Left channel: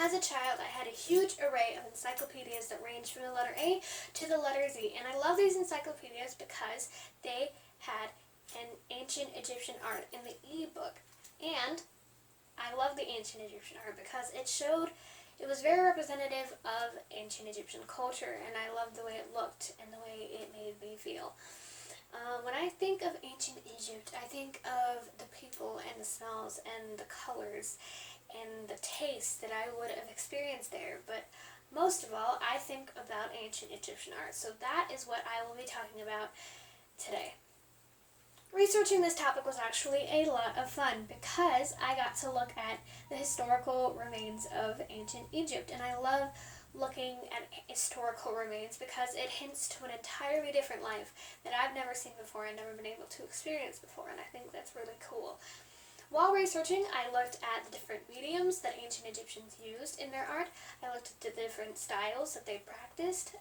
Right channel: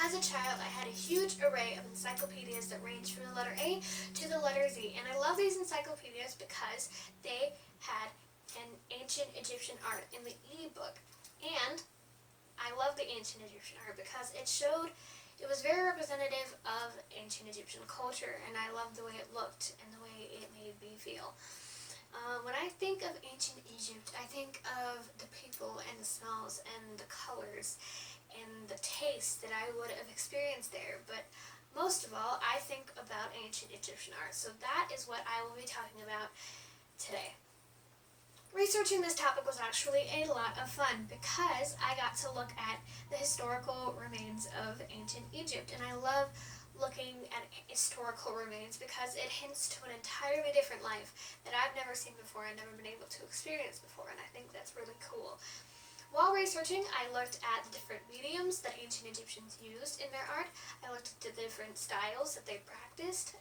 As a child, I had a huge array of encyclopedias that ranged from the letter A to the letter Z, and I love these encyclopedias because they had an ancient Egyptian art in the e-book. And I love the ancient Egyptian art because it was very representative of ancient Egyptian culture, and I loved the way it looked and the way it made me feel. When I think of ancient Egypt, I think of the people and the smells and the colors and the taste that I would have experienced there. But most of all, I think about ancient Egyptian art. So that is what I will be talking about today. Researching this topic was actually a lot of fun because I got to look at the historical remains of ancient Egypt, and I love looking at historical remains because it hints to an entirely different life that I've never seen before and never been able to experience before, and I think that's really cool. While researching, I looked at the different mediums that ancient Egyptians used in their art. I looked at the different styles that they practiced,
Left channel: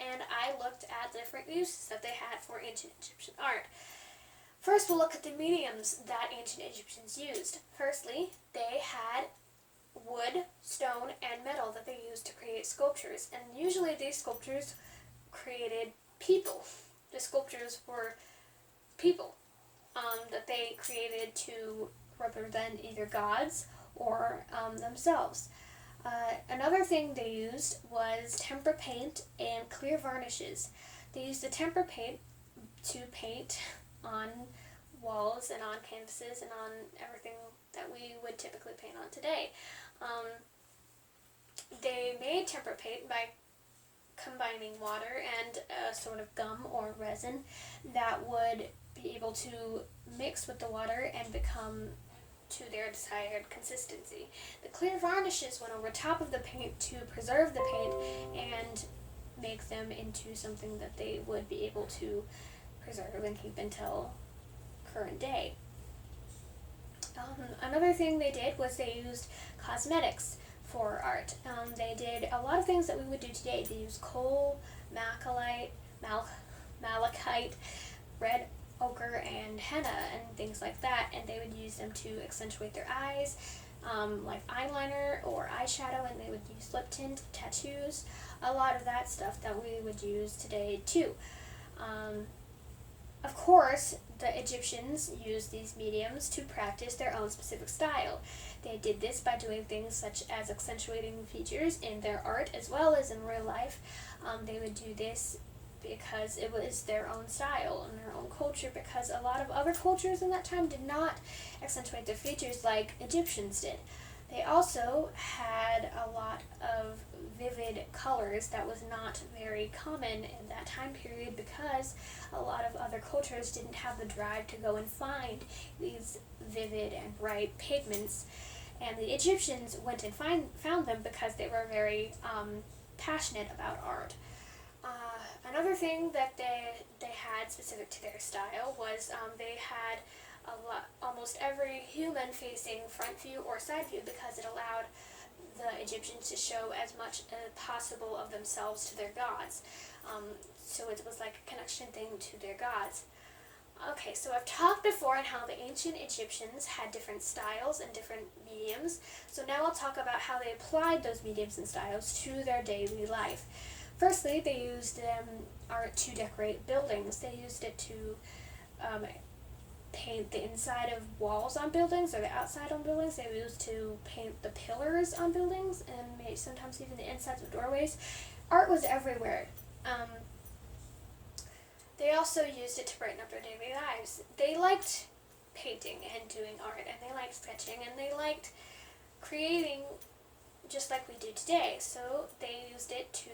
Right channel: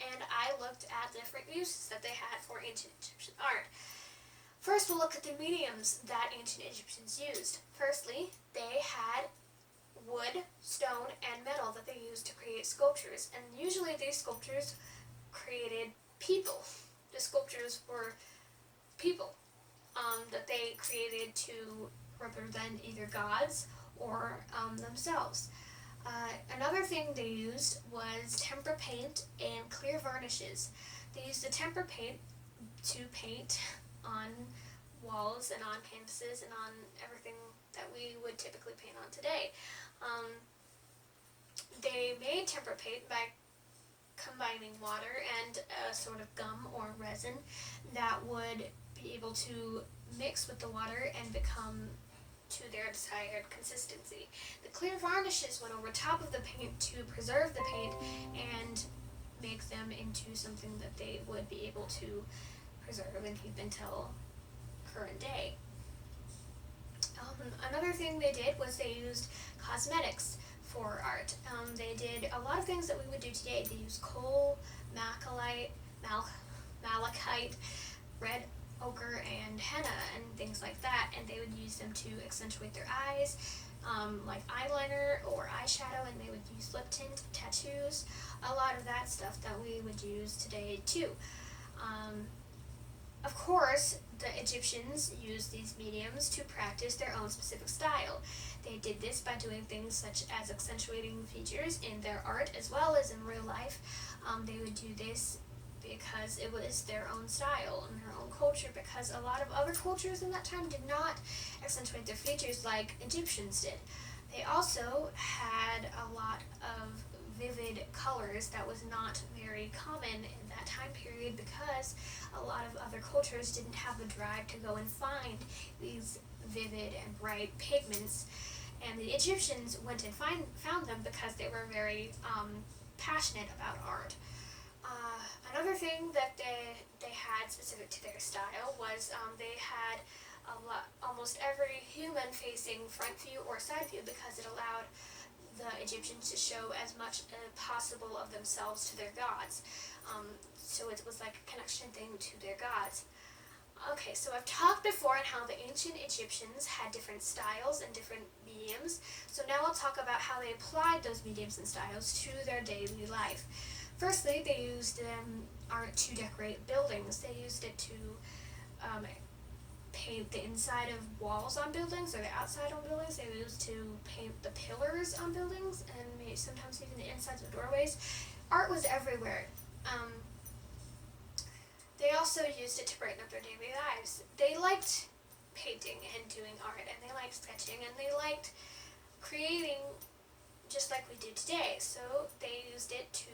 and I looked at the different uses that they had for ancient Egyptian art. First, we'll look at the mediums that ancient Egyptians used. Firstly, they had wood, stone, and metal that they used to create sculptures, and usually these sculptures created people. The sculptures were people that they created to represent either gods or themselves. Another thing they used was tempera paint and clear varnishes. They used the tempera paint to paint on walls and on canvases and on everything that we would typically paint on today. They made tempera paint by combining water and a sort of gum or resin that would be able to mix with the water and become to their desired consistency. The clear varnishes went over top of the paint to preserve the paint and make them into something that they would be able to preserve and keep until current day. Another thing they did was they used cosmetics for art. They did a lot of things that we would do today. They used coal, malachite, red ochre, and henna, and things like that, and they would use them to accentuate their eyes, like eyeliner or eyeshadow, and they would use lip tint, tattoos, a lot of that stuff that we would use today too. Of course, the Egyptians used these mediums to practice their own specific style. They did this by doing things such as accentuating features in their art as well as in real life. They would do this because it was their own style and their own culture, because a lot of other cultures in that time did not accentuate their features like Egyptians did. They also had a lot of vivid colors that was not very common in that time period because a lot of other cultures didn't have the drive to go and find these vivid and bright pigments, and the Egyptians went and found them because they were very passionate about art. Another thing that they had specific to their style was they had almost every human facing front view or side view because it allowed the Egyptians to show as much as possible of themselves to their gods. So it was like a connection thing to their gods. Okay, so I've talked before on how the ancient Egyptians had different styles and different mediums. So now I'll talk about how they applied those mediums and styles to their daily life. Firstly, they used art to decorate buildings. They used it to paint the inside of walls on buildings or the outside on buildings. They used to paint the pillars on buildings and maybe sometimes even the insides of doorways. Art was everywhere. They also used it to brighten up their daily lives. They liked painting and doing art, and they liked sketching, and they liked creating just like we do today. So they used it to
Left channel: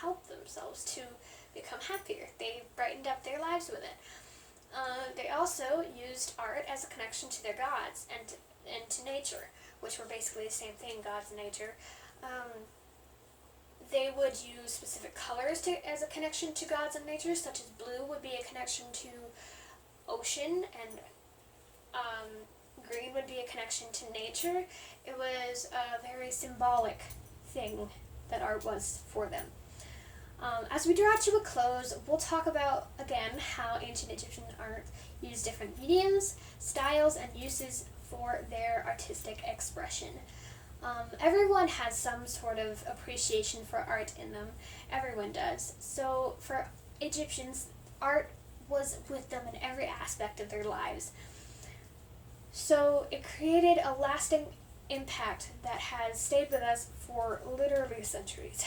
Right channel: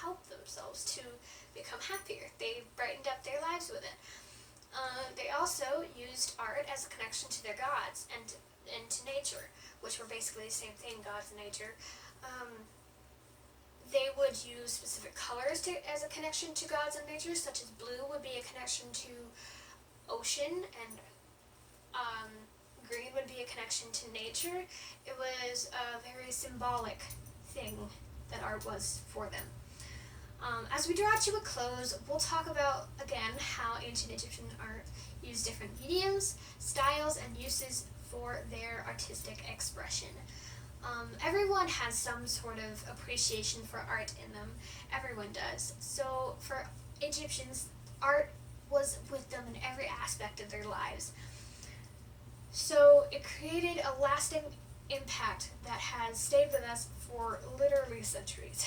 help themselves to become happier. They brightened up their lives with it. They also used art as a connection to their gods and to nature, which were basically the same thing, gods and nature. They would use specific colors as a connection to gods and nature, such as blue would be a connection to ocean, and green would be a connection to nature. It was a very symbolic thing that art was for them. As we draw to a close, we'll talk about, again, how ancient Egyptian art used different mediums, styles, and uses for their artistic expression. Everyone has some sort of appreciation for art in them. Everyone does. So for Egyptians, art was with them in every aspect of their lives. So it created a lasting impact that has stayed with us for literally centuries.